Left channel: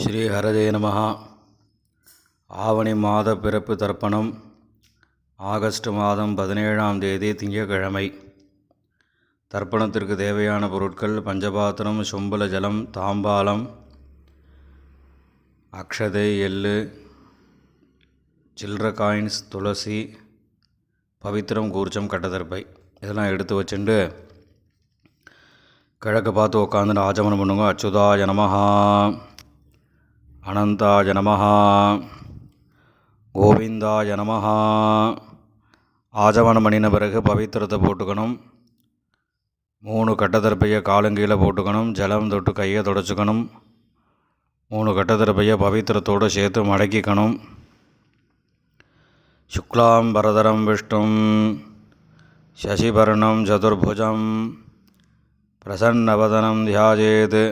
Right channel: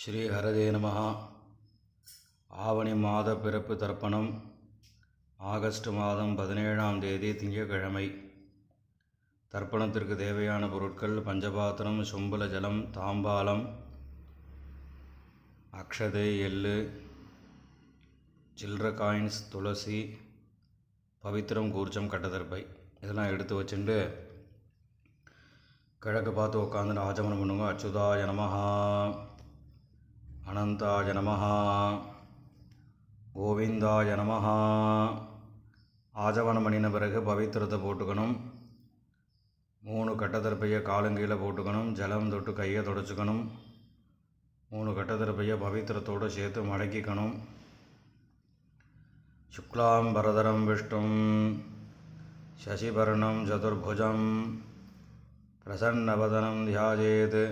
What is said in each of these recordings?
ஸ்ரீ ஹரதே நமஹ. ஆவணி மாத பிறப்பு தர்ப்பணம் ஆகஸ்ட் மாதம் 17ஆம் தேதி திங்கட்கிழமை. தர்ப்பணத்திற்கு தேவையான பொருட்கள்: பஞ்சபாத்திரம், சொம்புல ஜலம், தாம்பாலம், அக்ஷதை, எள்ளு, சில்லற காயின்ஸ், துளசி, பவித்திரம், கூர்ச்சம், கட்டதர்பை இதெல்லாம் எடுத்து வச்சுட்டு கிழக்கு பார்த்து உட்காந்து ஆச்சமனம் பண்ணுங்க. அச்சுதாய நமஹா, அனந்தாய நமஹா, கோவிந்தாய நமஹா. ஆச்சமனம் பண்ணின பிறகு பவித்திரத்தை போட்டுக்கணும். 3 கட்டதர்பையை காலங்கீழே போட்டுக்கணும். ஜலம் தொட்டு கையை தொடச்சிக்கணும். 3 கட்டதர்பையை பவித்திரத்தோடு சேர்த்து மடக்கிக்கணும். சுக்லாம் பரதரம் விஷ்ணும் சசிவர்ணம் சதுர்புஜம் பிரசன்னவதனம் தியாஜேத்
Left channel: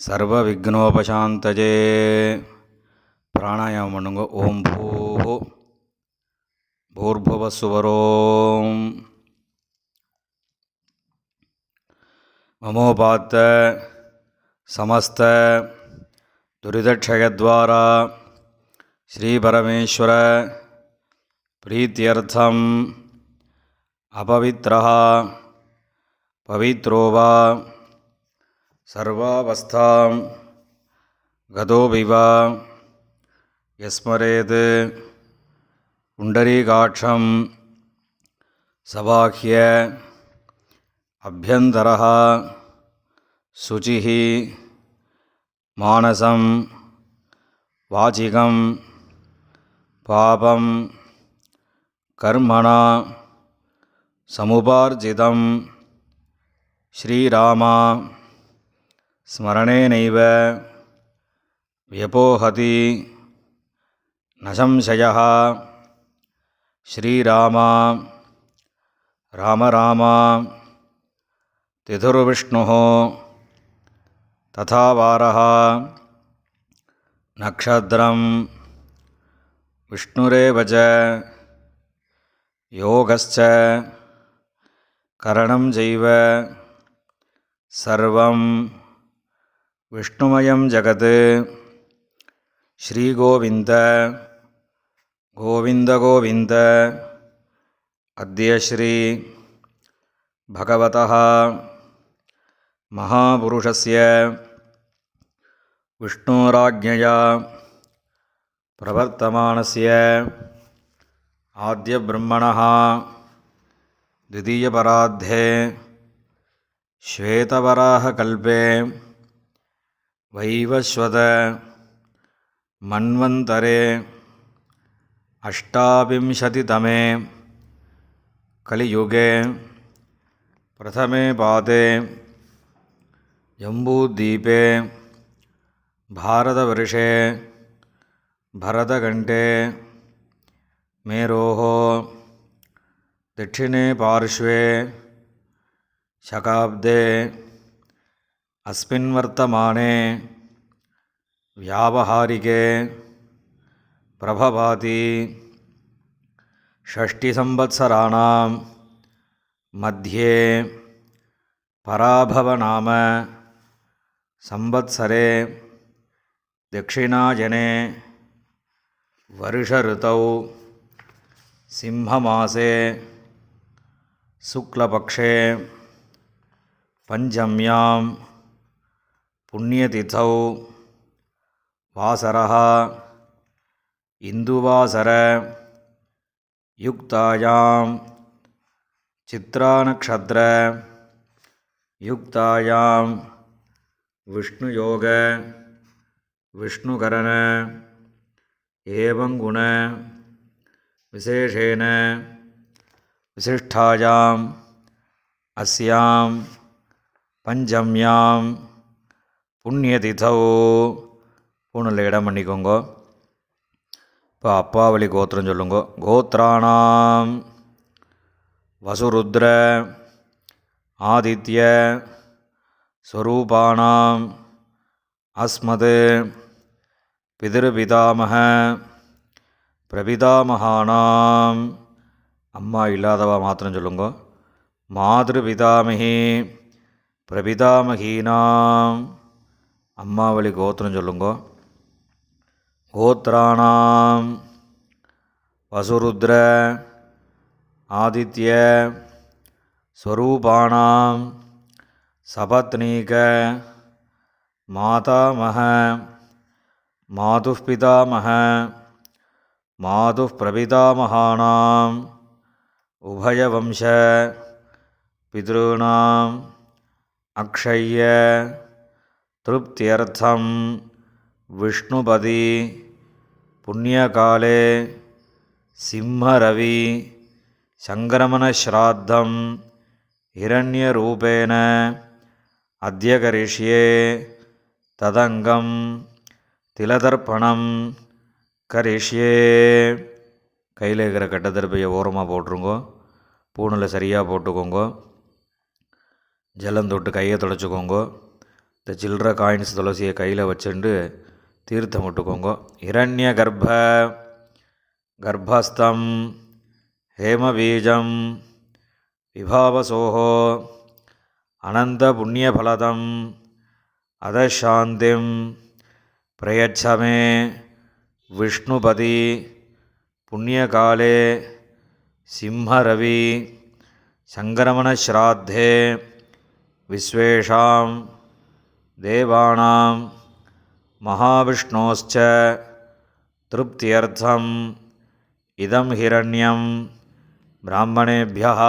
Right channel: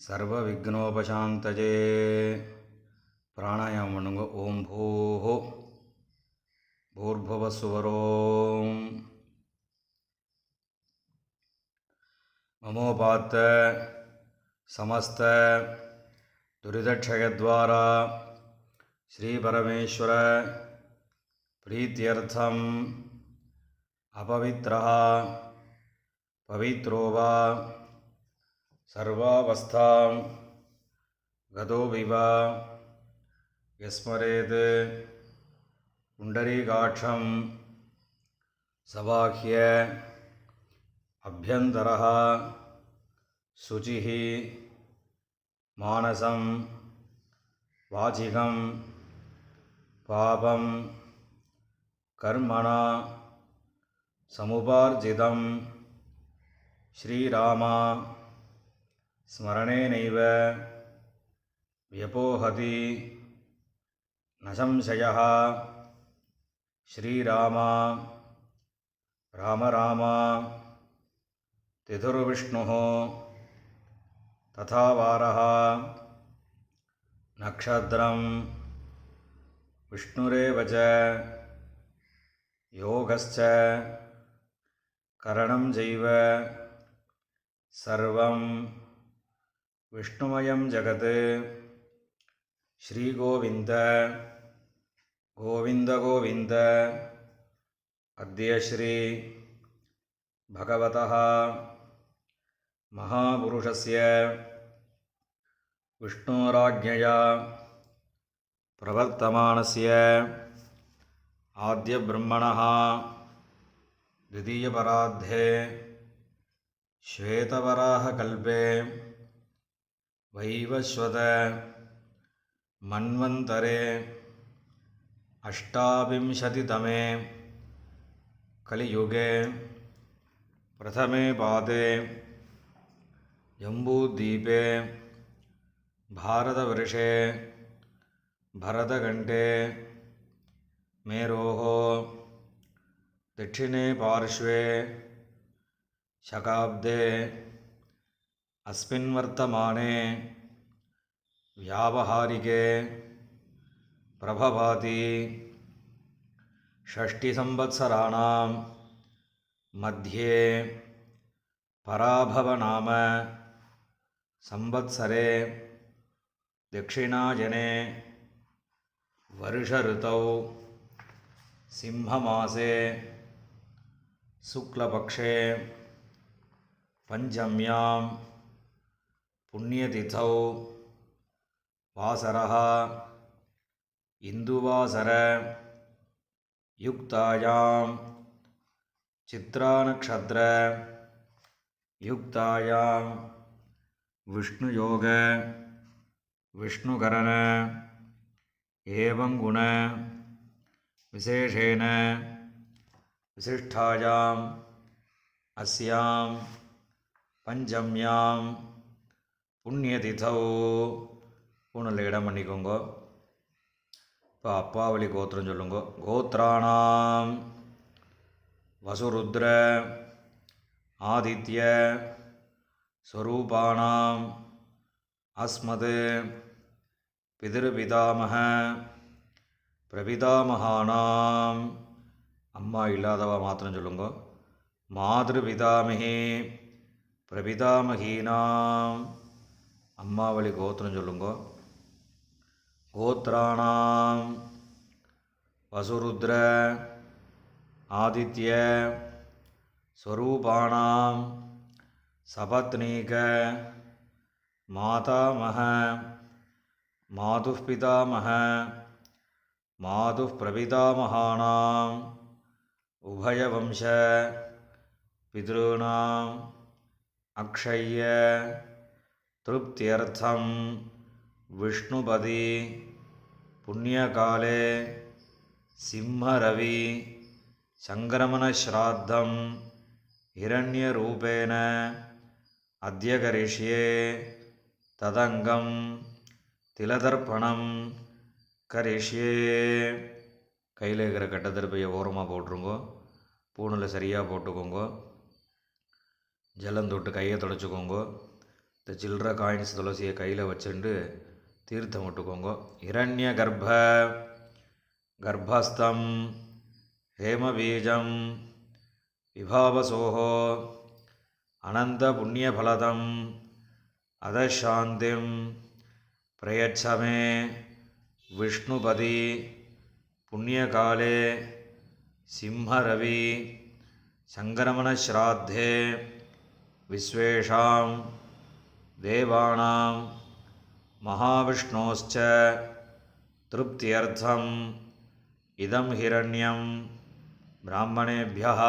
சர்வ விக்னோபசாந்தஜே. பிராணாயாமம் பண்ணுங்க. ஓம் பூஹு பூர்புவசுவரோம் மமோபாத்த சமஸ்த துரிதக்ஷயத்வாரா ஸ்ரீபரமேஸ்வர பிரீத்தியர்த்தம் அபவித்ரஹ பவித்ரோவா சர்வாவஸ்தாம் கதோபிவா யஸ்மரேத் புண்டரீகாட்சம் சபாஹ்ய அப்யந்தரஹ சுசிஹி மானசம் வாசிகம் பாபம் கர்மணா சமுபார்ஜிதம் ஸ்ரீராமா ஸ்மரணேனைவ வியபோஹதி நசம்சயः. ஸ்ரீராமா ராம ராமா திதுர்விஷ்ணுः ததா வாரः நக்ஷத்ரம் விஷ்ணுரேவ ச யோகஸ்ச கரணம் சைவ சர்வம் விஷ்ணுமயம் ஜகத். ஸ்ரீகோவிந்த கோவிந்த கோவிந்த. அத்ய ஸ்ரீ பகவதः மகாபுருஷஸ்ய விஷ்ணோராஜ்ஞயா பிரவர்த்தமானஸ்ய ஆத்யபிரம்மணः द्वितीयपरार्धे श्वेतवराहकल्पे वैवस्वत मन्वन्तरे अष्टाविंशतितमे कलियुगे प्रथमे पादे जम्बूद्वीपे भारतवर्षे भरतखण्डे मेरोः दक्षिणे पार्श्वे शकाब्दे अस्मिन् वर्तमाने व्यावहारिके प्रभवाति षष्टिसंवत्सराणां मध्ये पराभवनाम संवत्सरे दक्षिणायने वर्षऋतौ सिंहमासे शुक्लपक्षे पंचम्यां पुण्यतिथौ वासरः इन्दुवासर युक्तायां चित्रानक्षत्र युक्तायां विष्णुयोग विष्णुकरण एवं गुण विशेषेण विशिष्टायाम् अस्यां पंचम्यां पुण्यतिथौ. பூணில் இடம் பண்ணிக்கோங்க. இப்போ அப்பாவளி கோத்திரம் சொல்லுங்க. கோத்ராணாம் வசுருத்ர ஆதித்ய ஸ்வரூபாணாம் அஸ்மத் பிதிருபிதாமக பிரபிதாமகானாம். அம்மா இல்லாதவா மாத்திரம் சொல்லுங்க. மாதிருபிதாமகி பிரபிதாமகீனாம் அம்மாவளி கோத்திரம் சொல்லுங்கோ. கோத்ராணாம் வசுருத்ர ஆதித்ய ஸ்வரூபாணாம் சபத்னீக மாதாமஹ மாதுः பிதாமஹ மாதுः பிரபிதாமகானாம் உபயவம்ச பித்ருணாம் அக்ஷய்ய திருப்தியர்த்தம் விஷ்ணுபதி புண்ணியகாலே சிம்மரவி சங்கிரமணஸ்ராத்தம் ஹிரண்யரூபேண அத்ய கரிஷ்யே ததங்கம் திலதர்ப்பணம் கரிஷ்யே. கையில் இருக்கிற கட்டத்தருப்பையை ஓரமாக போட்டுருங்கோ. பூணில் சரியாக போட்டுக்கோங்க. ஜலம் தொட்டு கையை துடைச்சிக்கோங்க. இந்த சில்லற காயின்ஸ் துளசியை கையில் வச்சுட்டு தீர்த்தம் விட்டுக்கோங்க. ஹிரண்ய கர்ப்பஸ்தம் ஹேமபீஜம் விபாவசோஹோ அனந்த புண்ணியபலதம் அதசாந்திம் பிரயச்சமே விஷ்ணுபதி புண்ணியகாலே சிம்மரவி சங்கிரமணஸ்ராத்தே விஸ்வேஷாம் தேவானாம் மகாவிஷ்ணோஸ்ச திருப்தியர்த்தம் இதம் ஹிரண்யம் பிராமணேபியः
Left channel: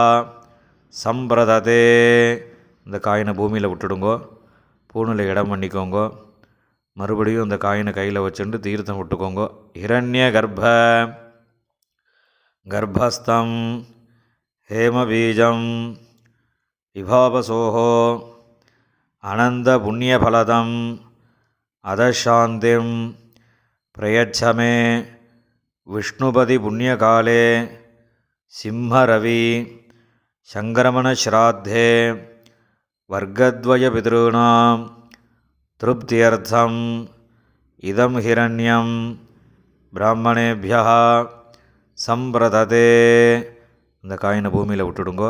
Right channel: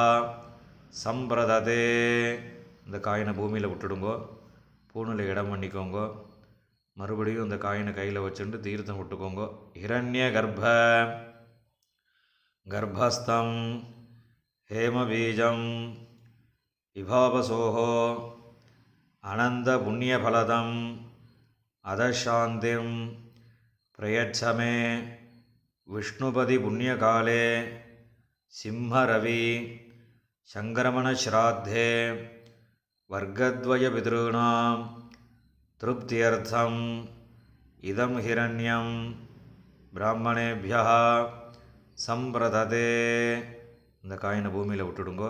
சம்பிரததே. இந்த காயினை பூமியில் விட்டுடுங்கோ. பூணில் இடம் பண்ணிக்கோங்க. மறுபடியும் இந்த காயினை கையில் வச்சுட்டு தீர்த்தம் விட்டுக்கோங்க. ஹிரண்ய கர்ப்பஸ்தம் ஹேமபீஜம் விபாவசோஹோ அனந்த புண்ணியபலதம் அதசாந்திம் பிரயச்சமே விஷ்ணுபதி புண்ணியகாலே சிம்மரவி சங்கிரமணஸ்ராத்தே வர்க்கத்வய பித்ருணாம் திருப்தியர்த்தம் இதம் ஹிரண்யம் பிராமணேபியः சம்பிரததே. இந்த காயினை பூமியில் விட்டுடுங்கோ.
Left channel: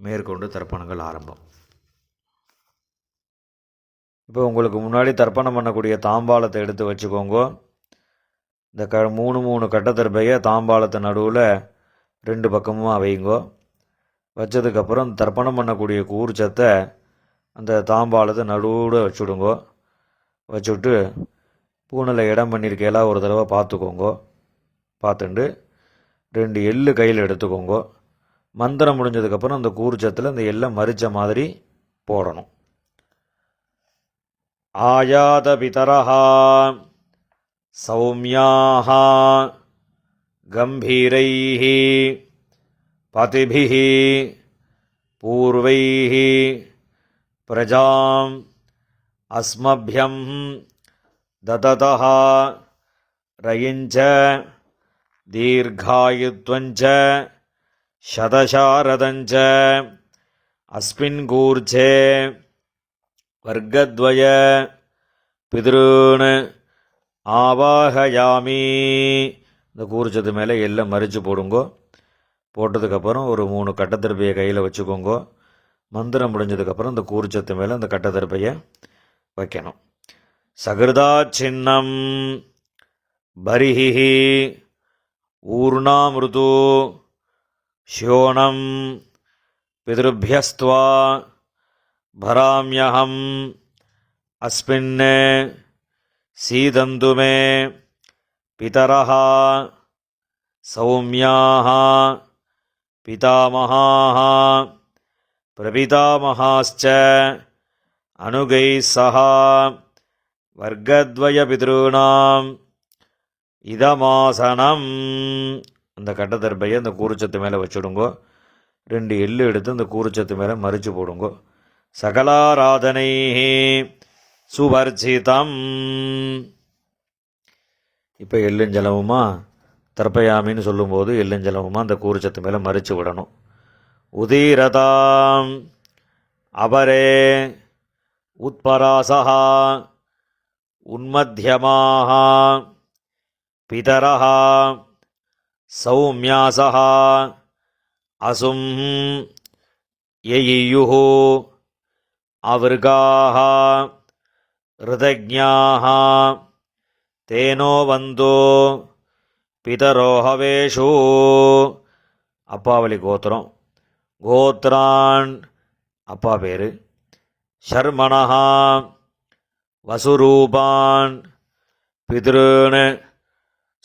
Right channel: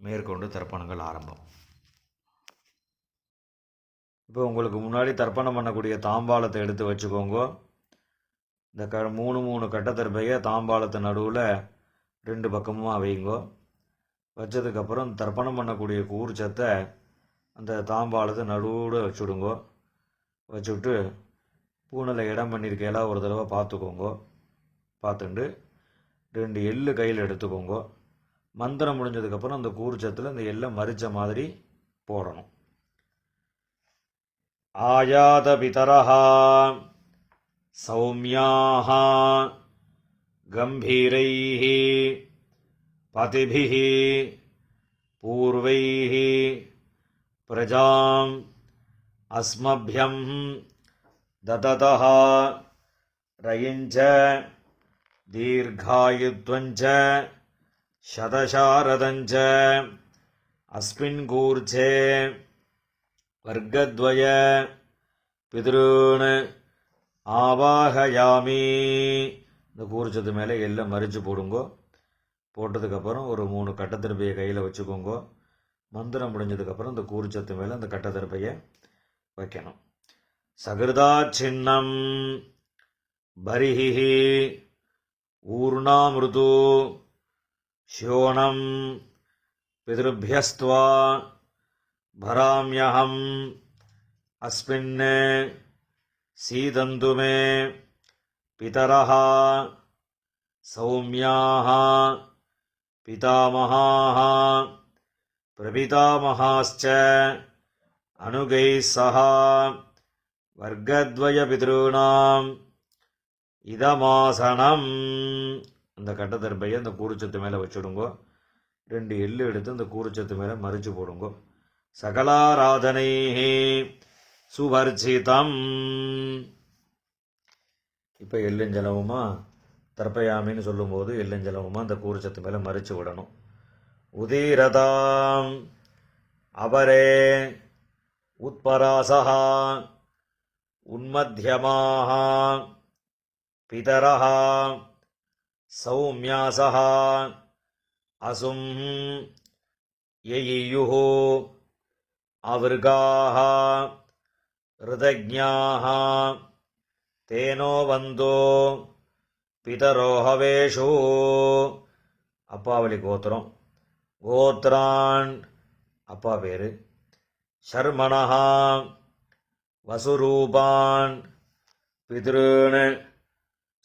மேற்கொண்டு தர்ப்பணங்கள் ஆரம்பம். இப்போ உங்களுக்கு முன்னாடி தர்ப்பணம் பண்ணக்கூடிய தாம்பாளத்தை எடுத்து வச்சுக்கோங்க. இந்த மூணு கட்டத்தர்பையை தாம்பாளத்து நடுவில் 2 பக்கமும் வைங்கோ. வச்சதுக்கப்புறம் தர்ப்பணம் பண்ணக்கூடிய கூர்ச்சத்தை அந்த தாம்பாளத்தை நடுவில் வச்சுடுங்கோ. வச்சுட்டு பூனில் இடம் பண்ணியிருக்கையெல்லாம் ஒரு தடவை பார்த்துக்கோங்க. பார்த்துட்டு 2 எள்ளு கையில் எடுத்துக்கோங்க. மந்திரம் முடிஞ்சதுக்கப்புறம் அந்த கூர்ச்சத்தில் அந்த எள்ளை மறித்த மாதிரி போடணும். ஆயாத பிதரஹா சௌமியாஹ கம்பீரைஹ பதிபிஹ பூர்வைஹ பிரஜாம் அஸ்மப்யம் தததஹ ரயிஞ்ச தீர்காயுத்வஞ்ச சதசாரதஞ்ச அஸ்மின் கூர்ச்சே வர்க்கத்வய பித்ருன் ஆவாஹயாமி. இந்த கூர்ச்சத்து மேலே எல்லாம் மறித்து போடுங்கோ. போட்டதுக்கப்புறம் ஒரு 3 கட்டத்தருப்பையை கையில் வச்சுக்கோங்க. மந்திரம் முடிஞ்சதுக்கப்புறம் இந்த கூர்ச்சத்து மேலே அந்த கட்டத்தருப்பையை வைக்கணும். சகிருதா சின்னம் பரிஹி ஊர்ணாமிருது ஷோணம் பித்ருபியஸ்த்வா பராம்யஹம் அஸ்மின் சீதந்து மே பிதரஹ சௌமியாஹ பிதாமஹாஹ பிரபிதாமஹாஸ்ச அனுகைः சஹ வர்க்கத்வய பித்ருணாம் இதமாசனம். அந்த கட்டத்தர்பையை அந்த கூர்ச்சத்து மேலே வச்சுடுங்கோ. 2 எள்ளு எடுத்து அந்த கூர்ச்சத்து மேலே மறித்து போடுங்கோ. சகலாராதனை சுவர்ச்சிதம். இப்போ எள்ளுஞ்சலமுமா தர்ப்பயாமின்னு சொல்லும்போது எள்ளுஞ்சலமுமா அந்த கூர்ச்சத்து மேலே மறித்து விடணும். உதீரதாம் அபரே உத்பராசஹ உன்மத்யமாஹ பிதரஹ சௌமியாசஹ அசும் யயியுஹு அவர்காஹ ऋतज्ञाः तेनो वन्दो पितरो हवेषु அப்பாவளி கோத்திரம். கோத்ரான் அப்பா பேர். ஷர்மணஹா வசுரூபான் பித்ருன்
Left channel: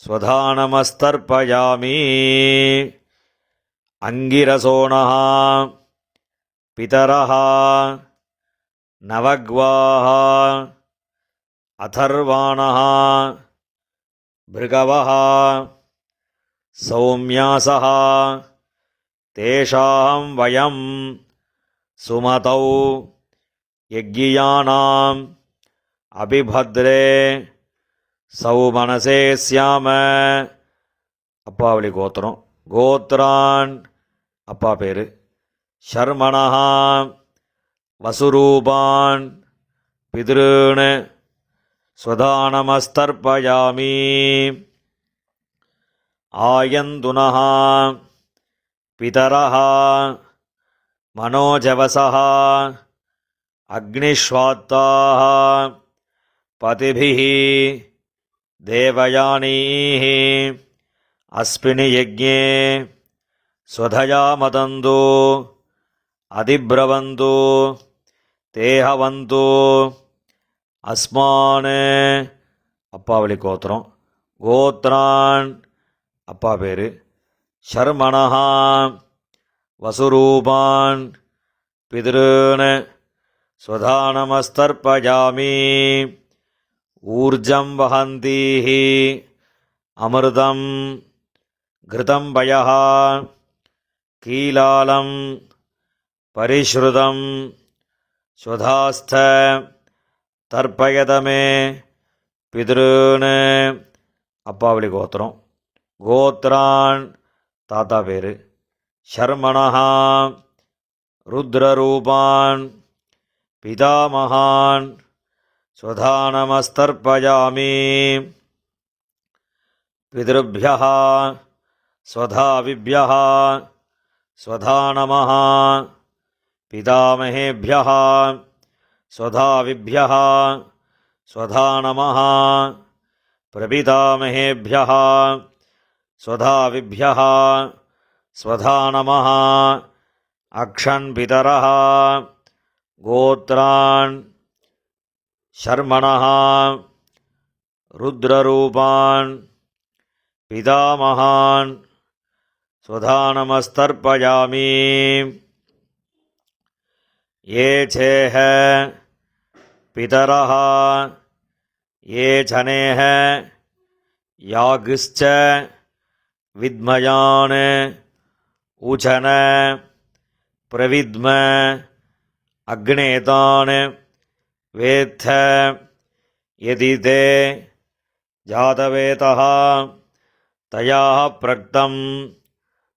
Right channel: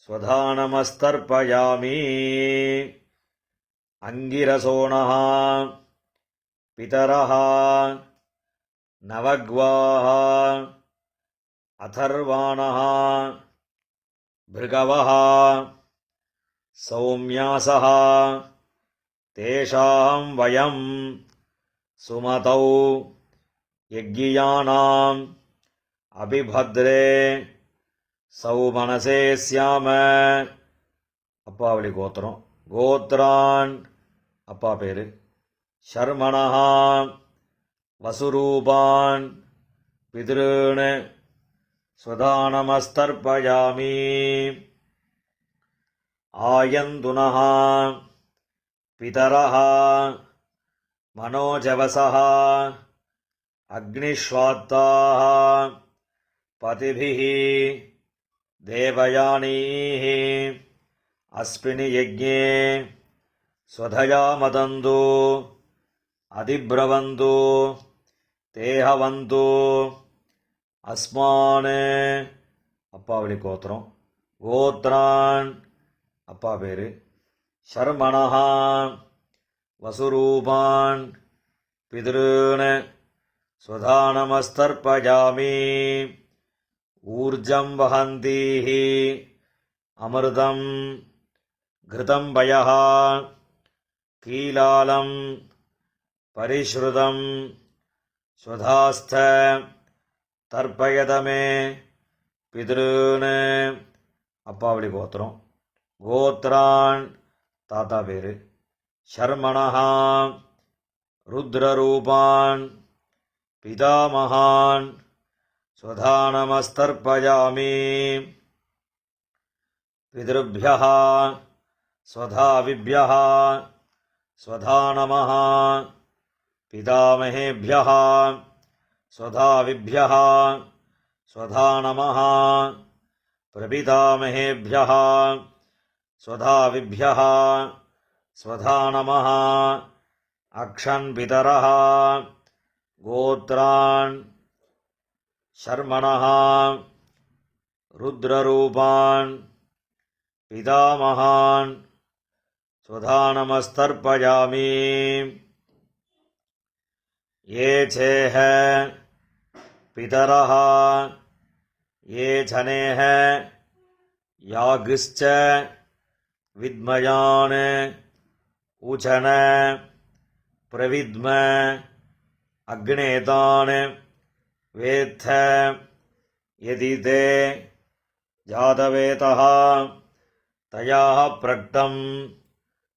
ஸ்வதானமஸ்தர்ப்பயாமி. அங்கிரசோணஹ பிதரஹ நவக்வாஹ அதர்வாணஹ பிருகவஹ சௌம்யாசஹ தேஷாம் வயம் சுமதௌ யக்ஞியானாம் அபிபத்ரே சௌமனசே ஸ்யாம. அப்பாவளி கோத்திரம். கோத்ரான் அப்பா பேர். ஷர்மணஹா வசுரூபான் பித்ருன் ஸ்வதானமஸ்தர்ப்பயாமி. ஆயந்துனஹ பிதரஹ மனோஜவசஹ அக்னிஷ்வாத்தாஹ பதிபிஹ தேவயானீஹ அஸ்மினி யஜ்ஞே ஸ்வதயா மதந்து அதிப்ரவந்து தேஹவந்து அஸ்மான். அப்பாவளி கோத்திரம். கோத்ரான் அப்பா பேர். ஷர்மணஹா வசுரூபான் பித்ருன் ஸ்வதானமஸ்தர்ப்பயாமி. ஊர்ஜம் வஹந்தீஹ அமிர்தம் கிருதம் வயஹ கீலாலம் பரிஷ்ருதம் ஸ்வதாஸ்த தர்ப்பயதமே பித்ருன். அப்பாவளி கோத்திரம். கோத்ரான் தாத்தா பேர். ஷர்மணஹா ருத்ரரூபான் பிதாமகான் ஸ்வதானமஸ்தர்ப்பயாமி. பித்ருभ्यः ஸ்வதாவிभ्यः ஸ்வதா நமः. பிதாமகேभ्यः ஸ்வதாவிभ्यः ஸ்வதா நமः. பிரபிதாமகேभ्यः ஸ்வதாவிभ्यः ஸ்வதா நமः. அக்ஷன் பிதரः கோத்ரான் ஷர்மணஹா ருத்ரரூபான் பிதாமகான் ஸ்வதானமஸ்தர்ப்பயாமி. ये चेह पितरः ये जनेह यागिश्च विद्मयान् उचन प्रविद्म अग्नेतान् वेत्थ यदि ते जातवेतः तयाः प्रक्तं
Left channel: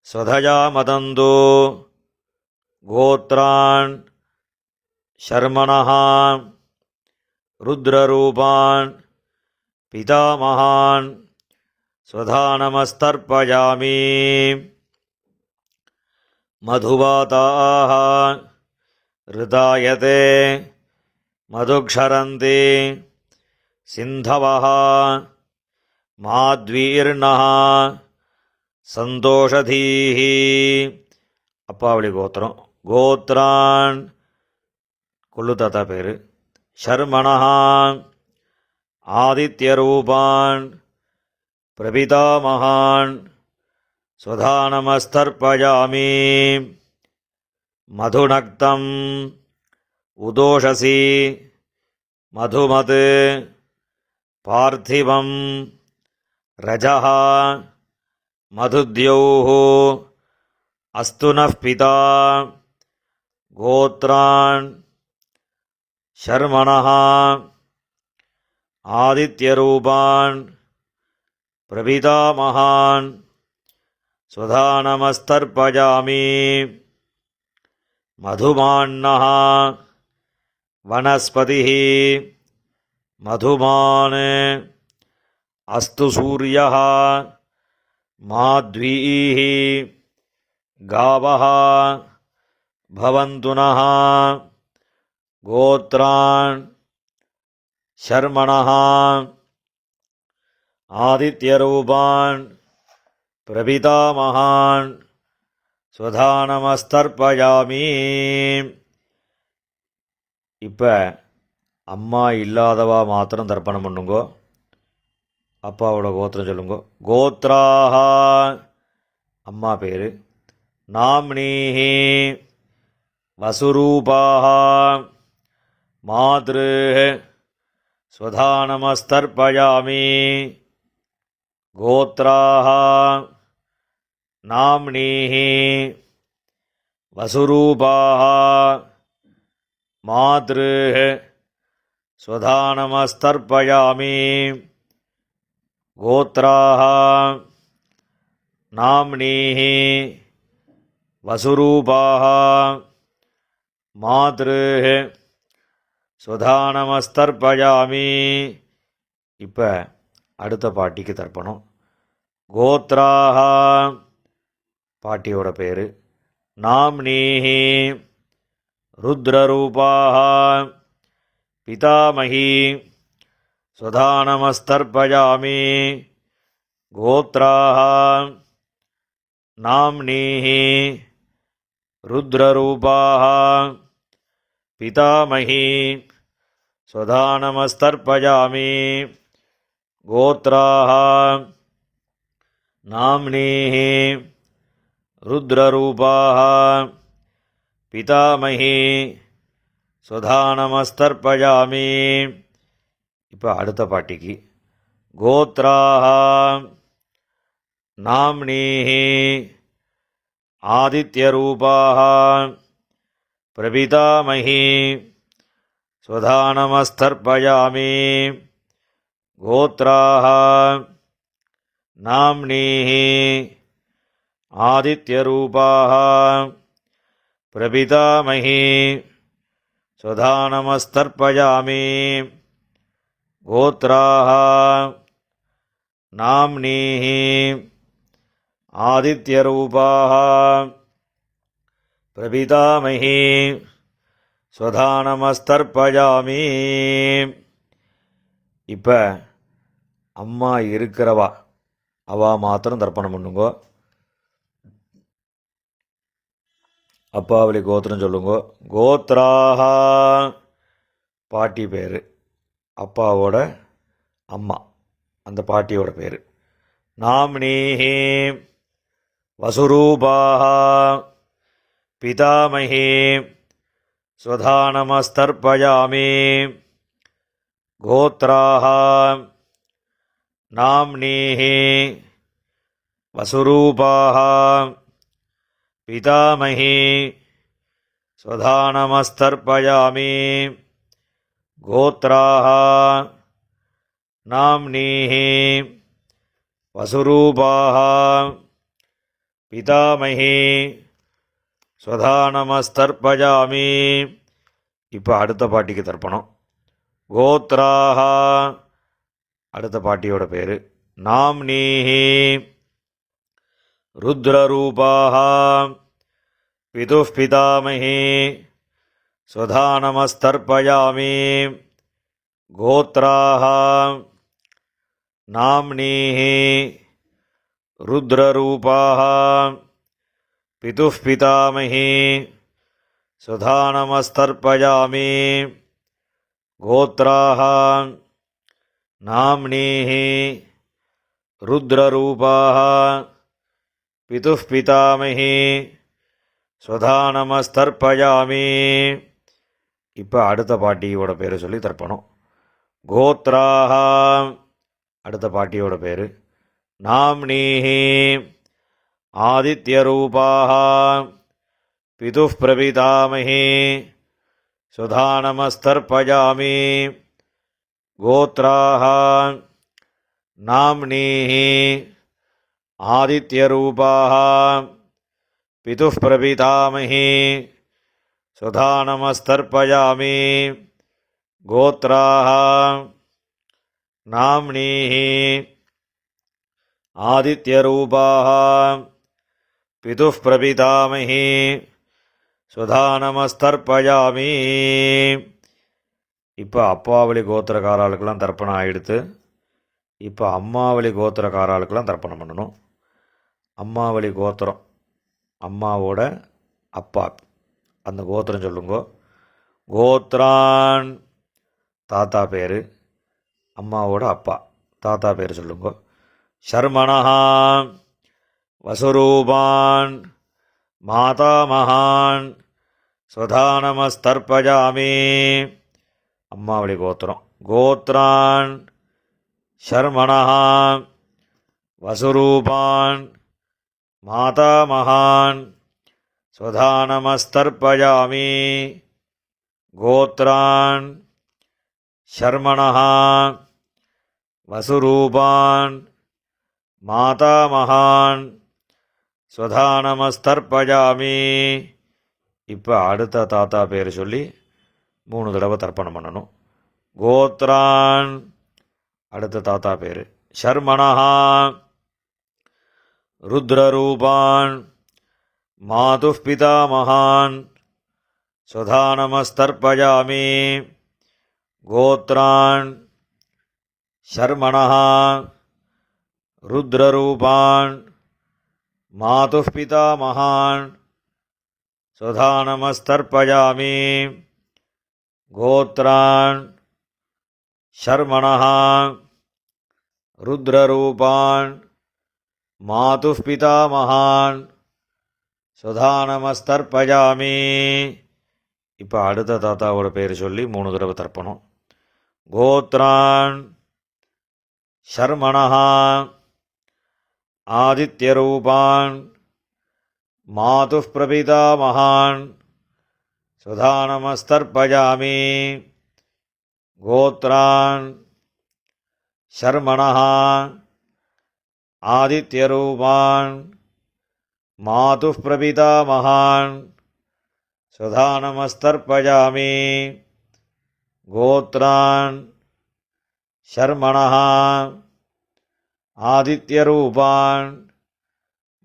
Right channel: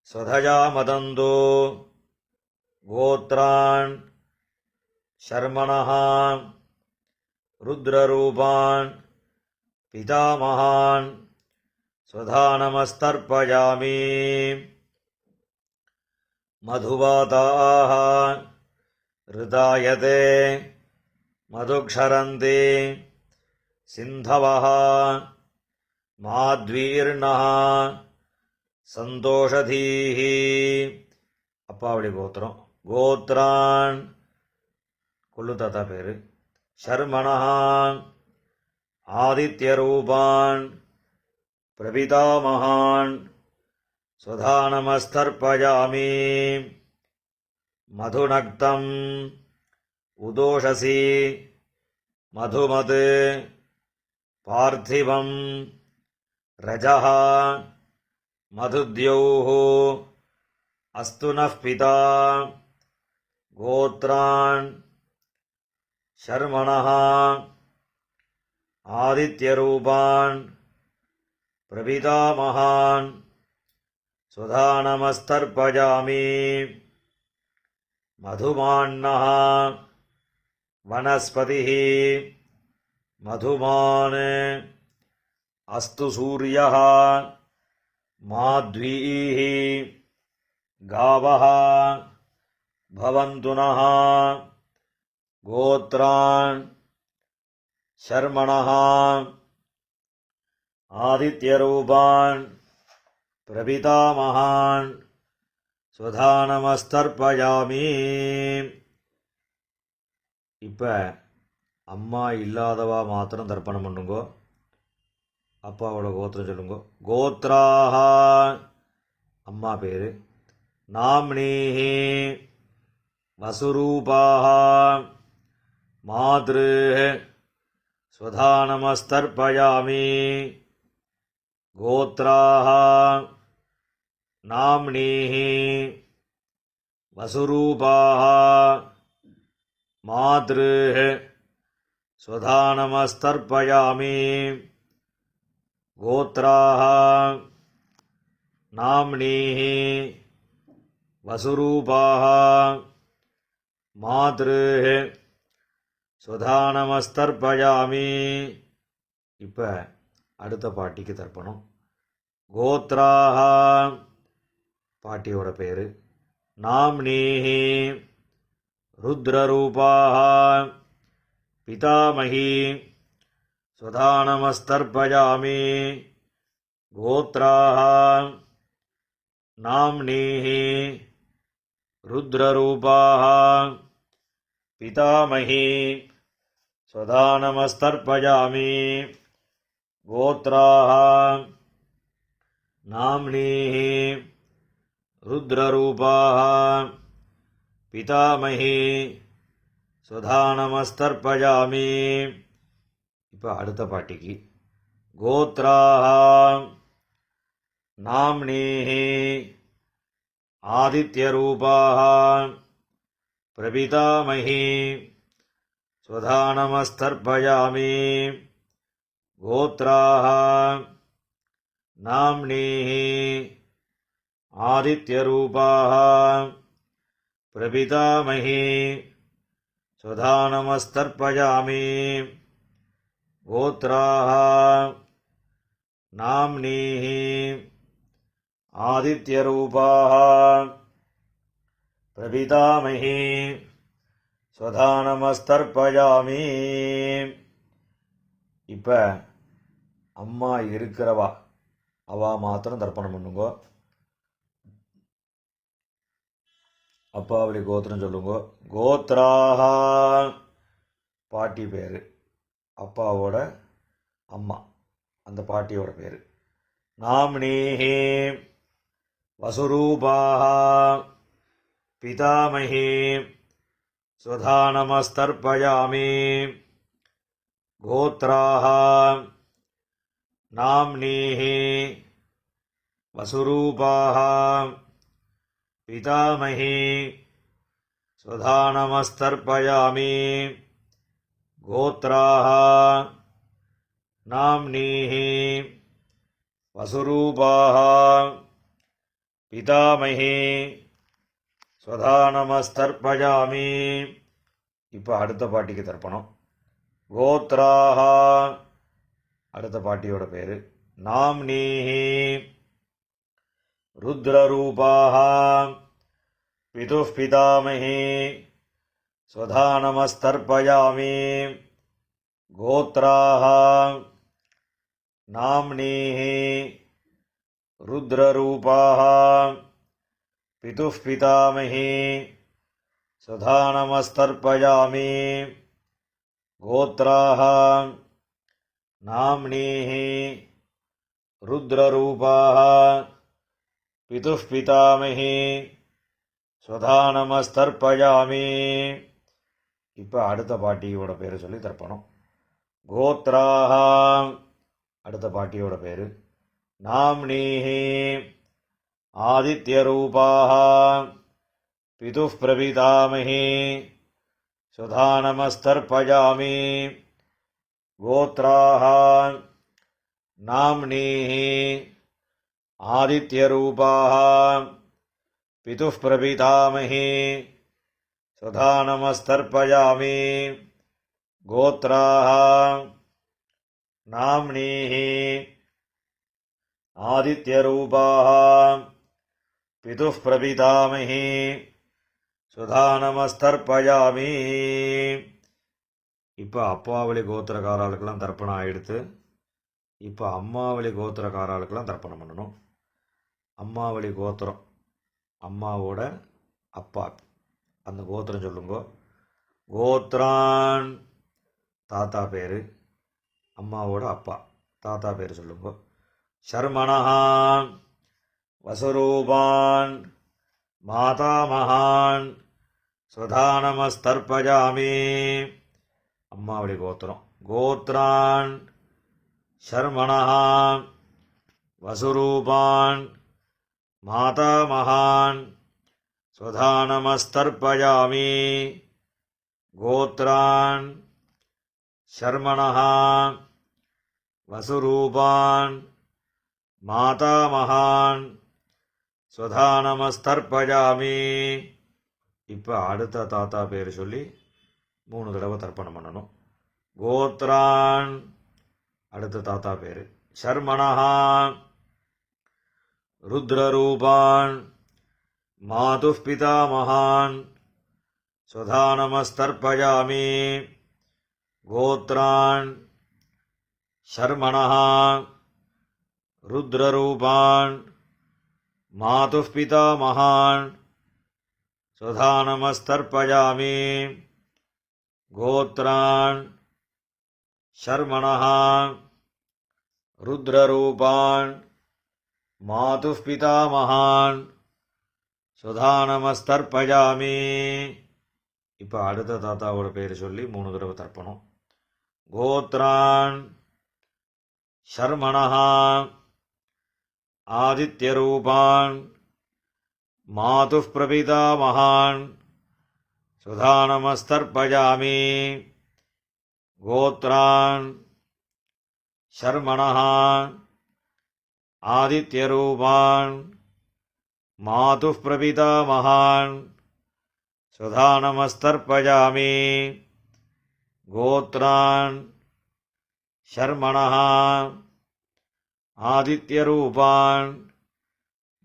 स्वधया मदन्तु. गोत्रान् ஷர்மணஹா ருத்ரரூபான் பிதாமகான் ஸ்வதானமஸ்தர்ப்பயாமி. மதுவாதாः ரிதாயதே மதுக்ஷரந்தி சிந்தவः மாத்வீர்ணः சந்தோஷதீः. அப்பாவளி கோத்திரம். கோத்ரான் கொள்ளு தாத்தா பேர். ஷர்மணஹா ஆதித்யரூபான் பிரபிதாமகான் ஸ்வதானமஸ்தர்ப்பயாமி. மதுநக்தம் உதோஷசி மதுமத் பார்த்திவம் ரஜஹ மதுத்யௌः அஸ்து நः பிதா. கோத்ரான் ஷர்மணஹா ஆதித்யரூபான் பிரபிதாமகான் ஸ்வதானமஸ்தர்ப்பயாமி. மதுமான்னः வனஸ்பதிः மதுமான் அஸ்து சூரியः மாத்வீः காவः பவந்து நः. கோத்ரான் शर्मणः आदित्यरूपान् प्रपितामहान् स्वधानमस्तर्पयामि. இப்போ அம்மா இல்லாதவா மாத்திரம் தர்ப்பணம் பண்ணுங்கோ. அப்பாவோட கோத்திரம் சொல்லுங்க. கோத்ராஹ அம்மா பேர். நாம்னீஹி வசுரூபாஹ மாத்ருஹ ஸ்வதானமஸ்தர்ப்பயாமி. கோத்ராஹ நாம்னீஹி வசுரூபாஹ மாத்ருஹ ஸ்வதானமஸ்தர்ப்பயாமி. கோத்ராஹ நாம்னீஹி வசுரூபாஹ மாத்ருஹ ஸ்வதானமஸ்தர்ப்பயாமி. இப்போ அடுத்த பாட்டிக்கு தர்ப்பணம். கோத்ராஹ பாட்டியோட பேர். நாம்னீஹி ருத்ரரூபாஹ பிதாமகி ஸ்வதானமஸ்தர்ப்பயாமி. கோத்ராஹ நாம்னீஹி ருத்ரரூபாஹ பிதாமகி ஸ்வதானமஸ்தர்ப்பயாமி. கோத்ராஹ நாம்னீஹி ருத்ரரூபாஹ பிதாமகி ஸ்வதானமஸ்தர்ப்பயாமி. இப்போ அடுத்த பாட்டிக்கு. கோத்ராஹ நாம்னீஹி ஆதித்யரூபாஹ பிரபிதாமகி ஸ்வதானமஸ்தர்ப்பயாமி. கோத்ராஹ நாம்னீஹி ஆதித்யரூபாஹ பிரபிதாமகி ஸ்வதானமஸ்தர்ப்பயாமி. கோத்ராஹ நாம்னீஹி ஆதித்யரூபாஹ பிரபிதாமகி ஸ்வதானமஸ்தர்ப்பயாமி. இப்போ அம்மா இருக்கிறவா அவா மாத்திரம் தர்ப்பணம் பண்ணுங்கோ. அப்பாவளி கோத்திரம் சொல்லுங்க. கோத்ராஹ பாட்டி பேர். அப்பாவோட அம்மா அந்த பாட்டியோட பேர். நாம்னீஹி வசுரூபாஹ பிதாமகி ஸ்வதானமஸ்தர்ப்பயாமி. கோத்ராஹ நாம்னீஹி வசுரூபாஹ பிதாமகி ஸ்வதானமஸ்தர்ப்பயாமி. கோத்ராஹ நாம்னீஹி வசுரூபாஹ பிதாமகி ஸ்வதானமஸ்தர்ப்பயாமி. இப்போ அடுத்த பாட்டிக்கு தர்ப்பணம். கோத்ராஹ அடுத்த பாட்டியோட பேர். நாம்னீஹி ருத்ரரூபாஹ பிதுः பிதாமகி ஸ்வதானமஸ்தர்ப்பயாமி. கோத்ராஹ நாம்னீஹி ருத்ரரூபாஹ பிதுः பிதாமகி ஸ்வதானமஸ்தர்ப்பயாமி. கோத்ராஹ நாம்னீஹி ருத்ரரூபாஹ பிதுः பிதாமகி ஸ்வதானமஸ்தர்ப்பயாமி. இப்போ அடுத்த பாட்டியோட பேர் சொல்லி தர்ப்பணம். கோத்ராஹ அடுத்த பாட்டியோட பேர். நாம்னீஹி ஆதித்யரூபாஹ பிதுः பிரபிதாமகி ஸ்வதானமஸ்தர்ப்பயாமி. கோத்ராஹ நாம்னீஹி ஆதித்யரூபாஹ பிதுः பிரபிதாமகி ஸ்வதானமஸ்தர்ப்பயாமி. கோத்ராஹ நாம்னீஹி ஆதித்யரூபாஹ பிதுः பிரபிதாமகி ஸ்வதானமஸ்தர்ப்பயாமி. இப்போ அப்பாவளி கோத்திரக்காராளுக்கெல்லாம் தர்ப்பணம் ஆகிடுத்து. இப்போ அம்மாவளி கோத்திரக்காராளுக்கெல்லாம் தர்ப்பணம் பண்ணணும். அம்மாவளி கோத்திரம், அம்மாவோட அப்பா, அந்த கோத்திரம் சொல்லுங்க. கோத்ரான் தாத்தா பேர், அம்மாவோட அப்பா தாத்தா பேர் சொல்லுங்க. ஷர்மணஹா வசுரூபான் மாதாமகான் ஸ்வதானமஸ்தர்ப்பஜாமி. அம்மாவளி கோத்திரம். கோத்ரான் ஷர்மணஹா வசுரூபான் மாதாமகான் ஸ்வதானமஸ்தர்ப்பஜாமி. கோத்ரான் ஷர்மணஹா வசுரூபான் மாதாமகான் ஸ்வதானமஸ்தர்ப்பஜாமி. இப்போ அடுத்த தாத்தா பேர் சொல்லி 3 தடவை தர்ப்பணம் பண்ணணும். கோத்ரான் அடுத்த தாத்தா பேர். ஷர்மணஹா ருத்ரரூபான் மாதுः பிதாமகான் ஸ்வதானமஸ்தர்ப்பஜாமி. கோத்ரான் ஷர்மணஹா ருத்ரரூபான் மாதுः பிதாமகான் ஸ்வதானமஸ்தர்ப்பஜாமி. கோத்ரான் ஷர்மணஹா ருத்ரரூபான் மாதுः பிதாமகான் ஸ்வதானமஸ்தர்ப்பஜாமி. இப்போ அடுத்த தாத்தாவோட பேர் சொல்லி 3 தடவை தர்ப்பணம். கோத்ரான் ஷர்மணஹா ஆதித்யரூபான் மாதுः பிரபிதாமகான் ஸ்வதானமஸ்தர்ப்பஜாமி. கோத்ரான் ஷர்மணஹா ஆதித்யரூபான் மாதுः பிரபிதாமகான் ஸ்வதானமஸ்தர்ப்பஜாமி. கோத்ரான் ஷர்மணஹா ஆதித்யரூபான்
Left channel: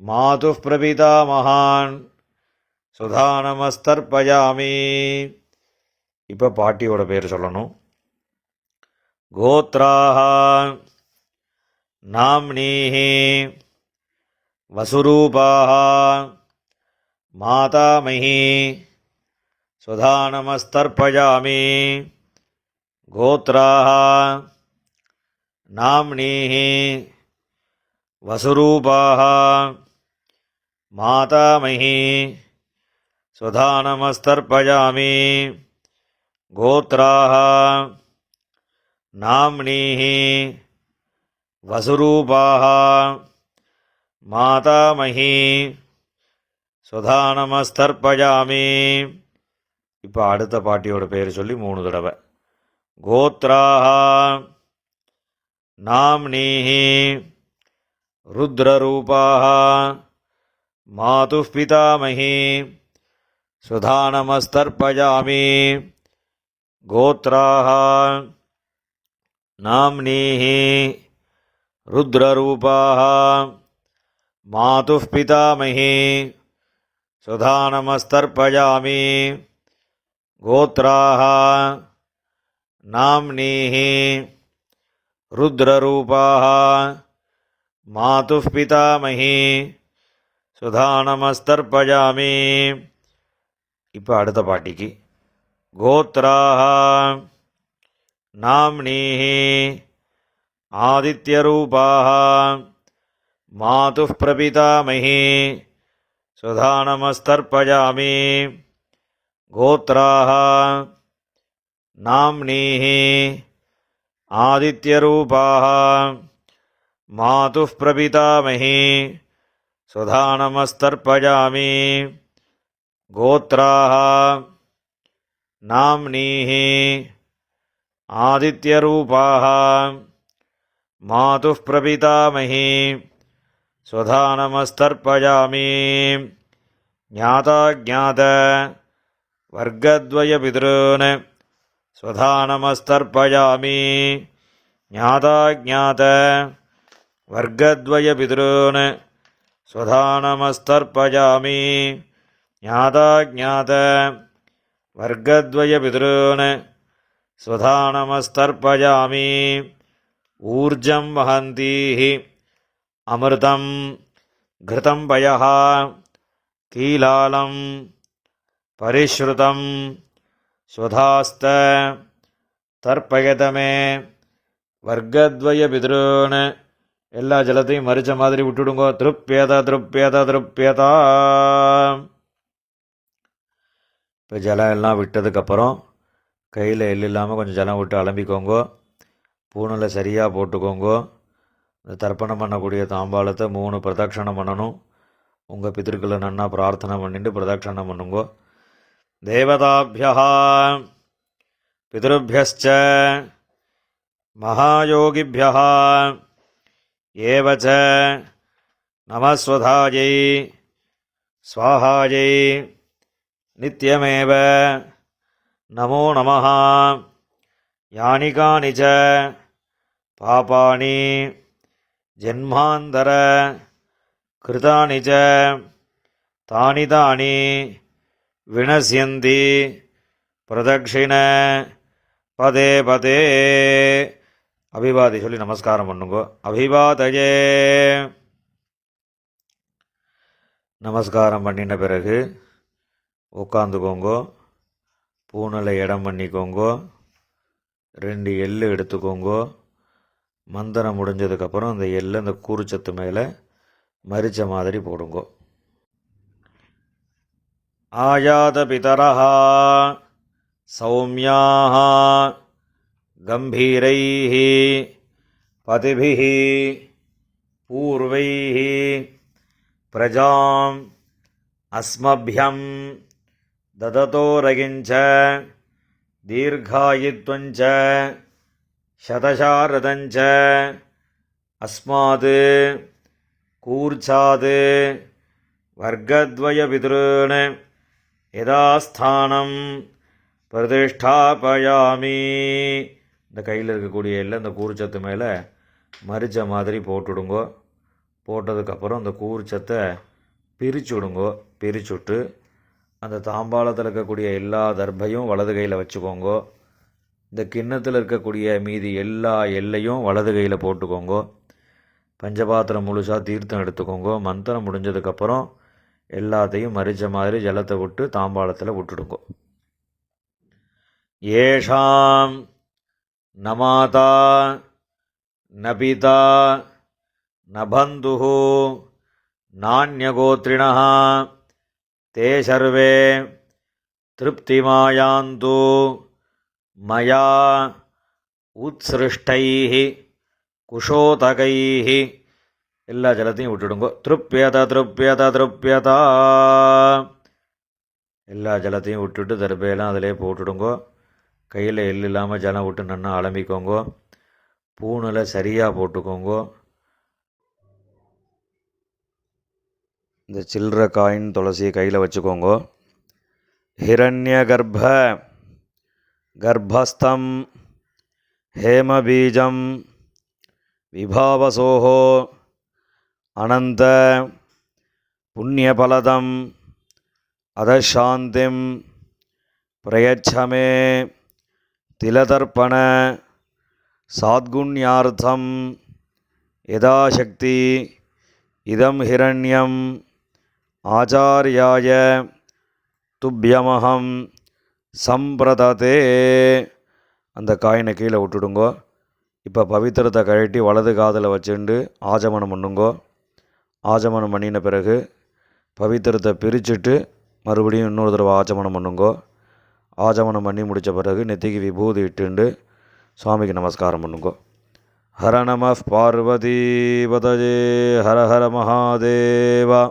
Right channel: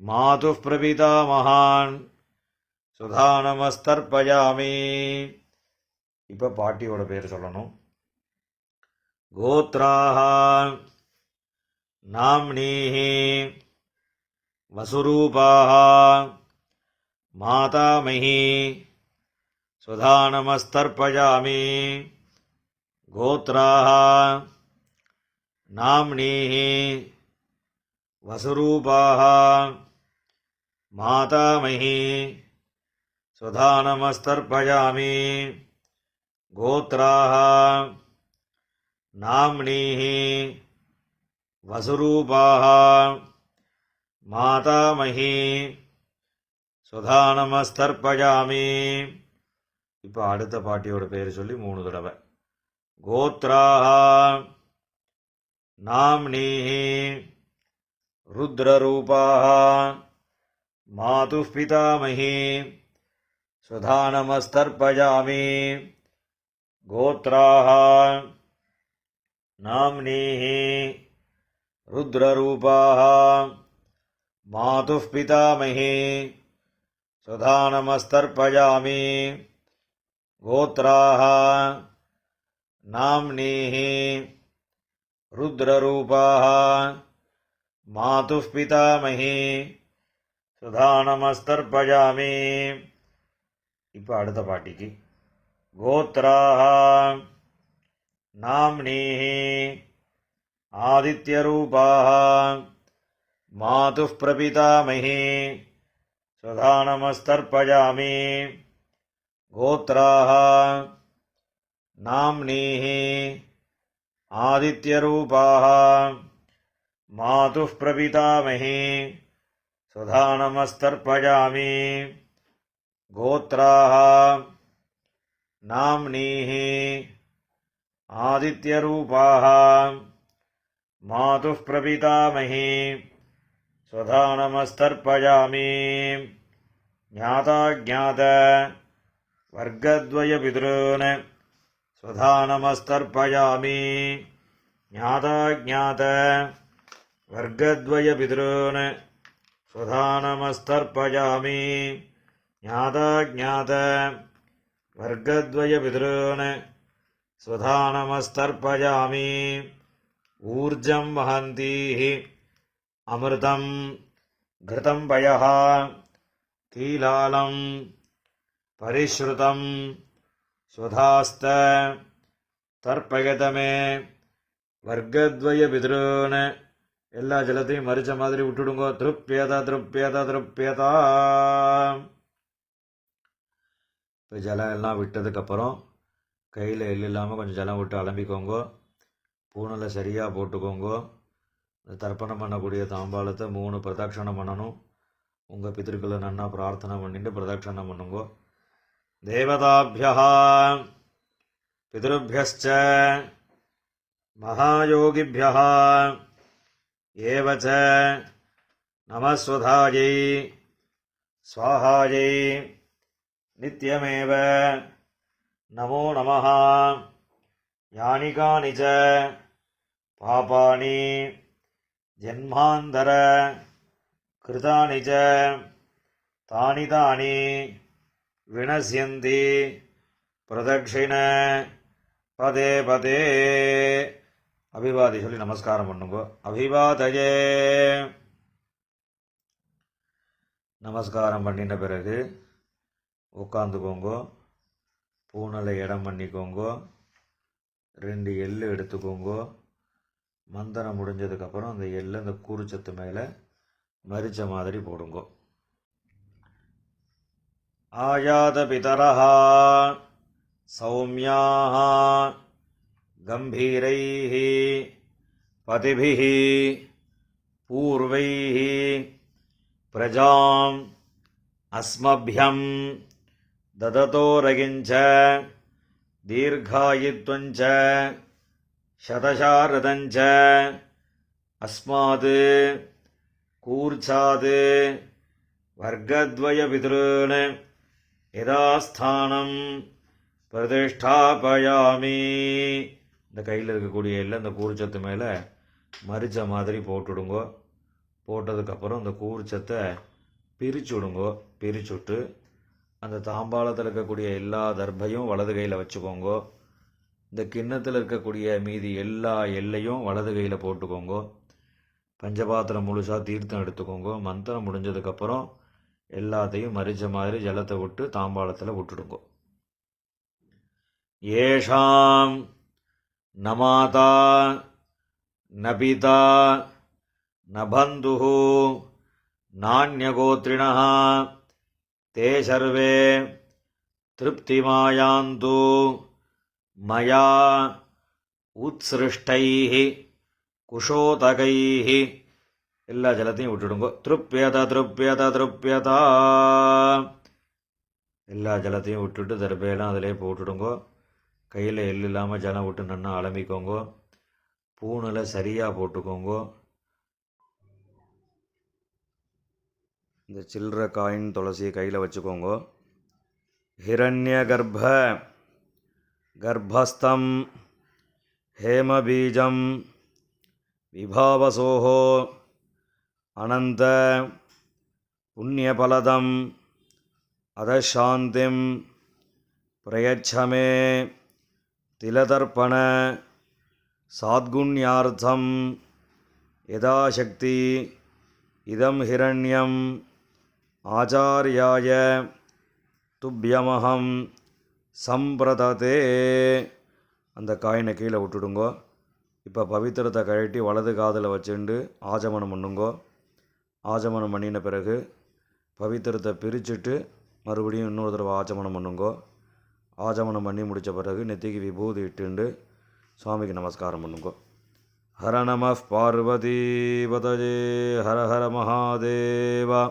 மாதுः பிரபிதாமகான் ஸ்வதானமஸ்தர்ப்பஜாமி. இப்போ பாட்டியோட பேர் சொல்லணும். கோத்ராஹ நாம்னீஹி வசுரூபாஹ மாதாமஹி ஸ்வதானமஸ்தர்ப்பஜாமி. கோத்ராஹ நாம்னீஹி வசுரூபாஹ மாதாமஹி ஸ்வதானமஸ்தர்ப்பஜாமி. கோத்ராஹ நாம்னீஹி வசுரூபாஹ மாதாமஹி ஸ்வதானமஸ்தர்ப்பஜாமி. இப்போ அடுத்த பாட்டியோட பேர் சொல்லி 3 தடவை. கோத்ராஹ நாம்னீஹி ருத்ரரூபாஹ மாதுः பிதாமஹி ஸ்வதானமஸ்தர்ப்பஜாமி. கோத்ராஹ நாம்னீஹி ருத்ரரூபாஹ மாதுः பிதாமஹி ஸ்வதானமஸ்தர்ப்பஜாமி. கோத்ராஹ நாம்னீஹி ருத்ரரூபாஹ மாதுः பிதாமஹி ஸ்வதானமஸ்தர்ப்பஜாமி. இப்போ அடுத்த பாட்டிக்கு. கோத்ராஹ நாம்னீஹி ஆதித்யரூபாஹ மாதுः பிரபிதாமஹி ஸ்வதானமஸ்தர்ப்பஜாமி. கோத்ராஹ நாம்னீஹி ஆதித்யரூபாஹ மாதுः பிரபிதாமஹி ஸ்வதானமஸ்தர்ப்பஜாமி. கோத்ராஹ நாம்னீஹி ஆதித்யரூபாஹ மாதுः பிரபிதாமஹி ஸ்வதானமஸ்தர்ப்பஜாமி. ஞாதாஜ்ஞாத வர்க்கத்வய பித்ருன் ஸ்வதானமஸ்தர்ப்பஜாமி. ஞாதாஜ்ஞாத வர்க்கத்வய பித்ருன் ஸ்வதானமஸ்தர்ப்பஜாமி. ஞாதாஜ்ஞாத வர்க்கத்வய பித்ருன் स्वधानमस्तर्पयामि ऊर्जं वहन्तीः अमृतं घृतं पयः कीलालं परिश्रुतं स्वधास्त தர்ப்பயதமே வர்க்கத்வய பிதுரோன்னு எல்லா ஜலத்தையும் மறிச்ச மாதிரி விட்டுடுங்கோ. திருப்பியதா திருப்பியதா திருப்பியதா. இப்போ ஜலம் எல்லாம் விட்டதுக்கப்புறம் கையில் எள் இல்லாமல் கொஞ்சம் ஜலம் விட்டு அலம்பிக்கோங்கோ. பூணில் சரியாக போட்டுக்கோங்கோ. இந்த தர்ப்பணம் பண்ணக்கூடிய தாம்பாளத்தை 3 பிரதட்சணம் பண்ணணும். உங்கள் பிதர்களை நன்னா பிரார்த்தனை பண்ணிட்டு பிரதட்சணம் பண்ணுங்கோ. தேவதாபியா பிதருभ्यश्च महायोगिभ्यः एव च नमस्वधायै स्वाहायै नित्यमेव नमो नमः. यानि कानि च पापानि जन्मान्तर कृतानि च तानि तानि विनश्यन्ति प्रदक्षिण பதே பதே. அபிவாதி சொல்லி நமஸ்காரம் பண்ணுங்கோ. அபிவாதயே. நமஸ்காரம் பண்ணின பிறகு உட்காந்துக்கோங்கோ. பூனலை இடம் பண்ணிக்கோங்கோ. 2 எள்ளு எடுத்துக்கோங்கோ. மந்திரம் முடிஞ்சதுக்கப்புறம் அந்த எள்ளு அந்த கூறுச்சத்து மேலே மரிச்ச மாதிரி போடுங்கோ. ஆயாத பிதரஹா சௌமியாः गम्भीरैः पतिभिः पूर्वैः प्रजाम् अस्मभ्यं ददतो रगिञ्च दीर्घायुत्वञ्च शतशारदञ्च अस्मात् कूर्चात् वर्गद्वयपितॄन् यदास्थानं பிரதிஷ்டாபயாமி. இந்த கையில் இருக்கக்கூடிய எல்லாம் இந்த கூறுச்சத்து மேலே மரிச்ச மாதிரி போட்டுவிடுங்கோ. போட்டதுக்கப்புறம் அந்த கூறுச்சத்தை பிரித்து விடுங்கோ. பிரிச்சுட்டு அந்த தாம்பாளத்தில் இருக்கக்கூடிய எல்லா தர்பையும் வலது கையில் வச்சுக்கோங்கோ. இந்த கிண்ணத்தில் இருக்கக்கூடிய மீதி எல்லா எல்லையும் வலது கையில் போட்டுக்கோங்கோ. பஞ்சபாத்திரம் முழுசாக தீர்த்தம் எடுத்துக்கோங்கோ. மந்திரம் முடிஞ்சதுக்கப்புறம் எல்லாத்தையும் மரிச்ச மாதிரி ஜலத்தை விட்டு தாம்பாளத்தில் விட்டுடுங்கோ. येषां न माता न पिता न बन्धुः नान्यगोत्रिणः ते सर्वे तृप्तिमायान्तु मया उत्सृष्टैः कुशोतकैः. எல்லா ஜலத்தையும் விட்டுடுங்கோ. திருப்பியதா திருப்பியதா திருப்பியதா. எல்லா ஜலத்தையும் விட்டுட்டு தர்பையெல்லாம் அதிலே போட்டுடுங்கோ. கையில் எள் இல்லாமல் ஜலம் விட்டு நன்னா அலம்பிக்கோங்கோ. பூணில் சரியாக போட்டுக்கோங்கோ. இந்த சில்லற காயின் துளசியை கையில் வச்சுக்கோங்கோ. ஹிரண்ய கர்ப்பஸ்தம் ஹேமபீஜம் விபாவசோஹோ அனந்த புண்ணியபலதம் அதசாந்திம் பிரயச்சமே திலதர்ப்பண சாத்குண்யார்த்தம் யதாசக்தி இதம் ஹிரண்யம் ஆச்சார்யாய துப்யமஹம் சம்பிரததே. அந்த காயினை கீழே விட்டுடுங்கோ. இப்போ பவித்திரத்தை கழட்டி வலது காதில் வச்சுண்டு ஆஜமனம் பண்ணுங்கோ. ஆஜமனம் பண்ணின பிறகு பவித்திரத்தை பிரிச்சுட்டு மறுபடியும் இன்னொரு தடவை ஆச்சமனம் பண்ணுங்கோ. ஆச்சமனம் பண்ணி முடித்த பிறகு நெத்திக்கு விபூதி இட்டுண்டு சுவாமிக்கு நமஸ்காரம் பண்ணுங்கோ. ஹர நம பார்வதி பதஜே ஹர ஹர மகாதேவா.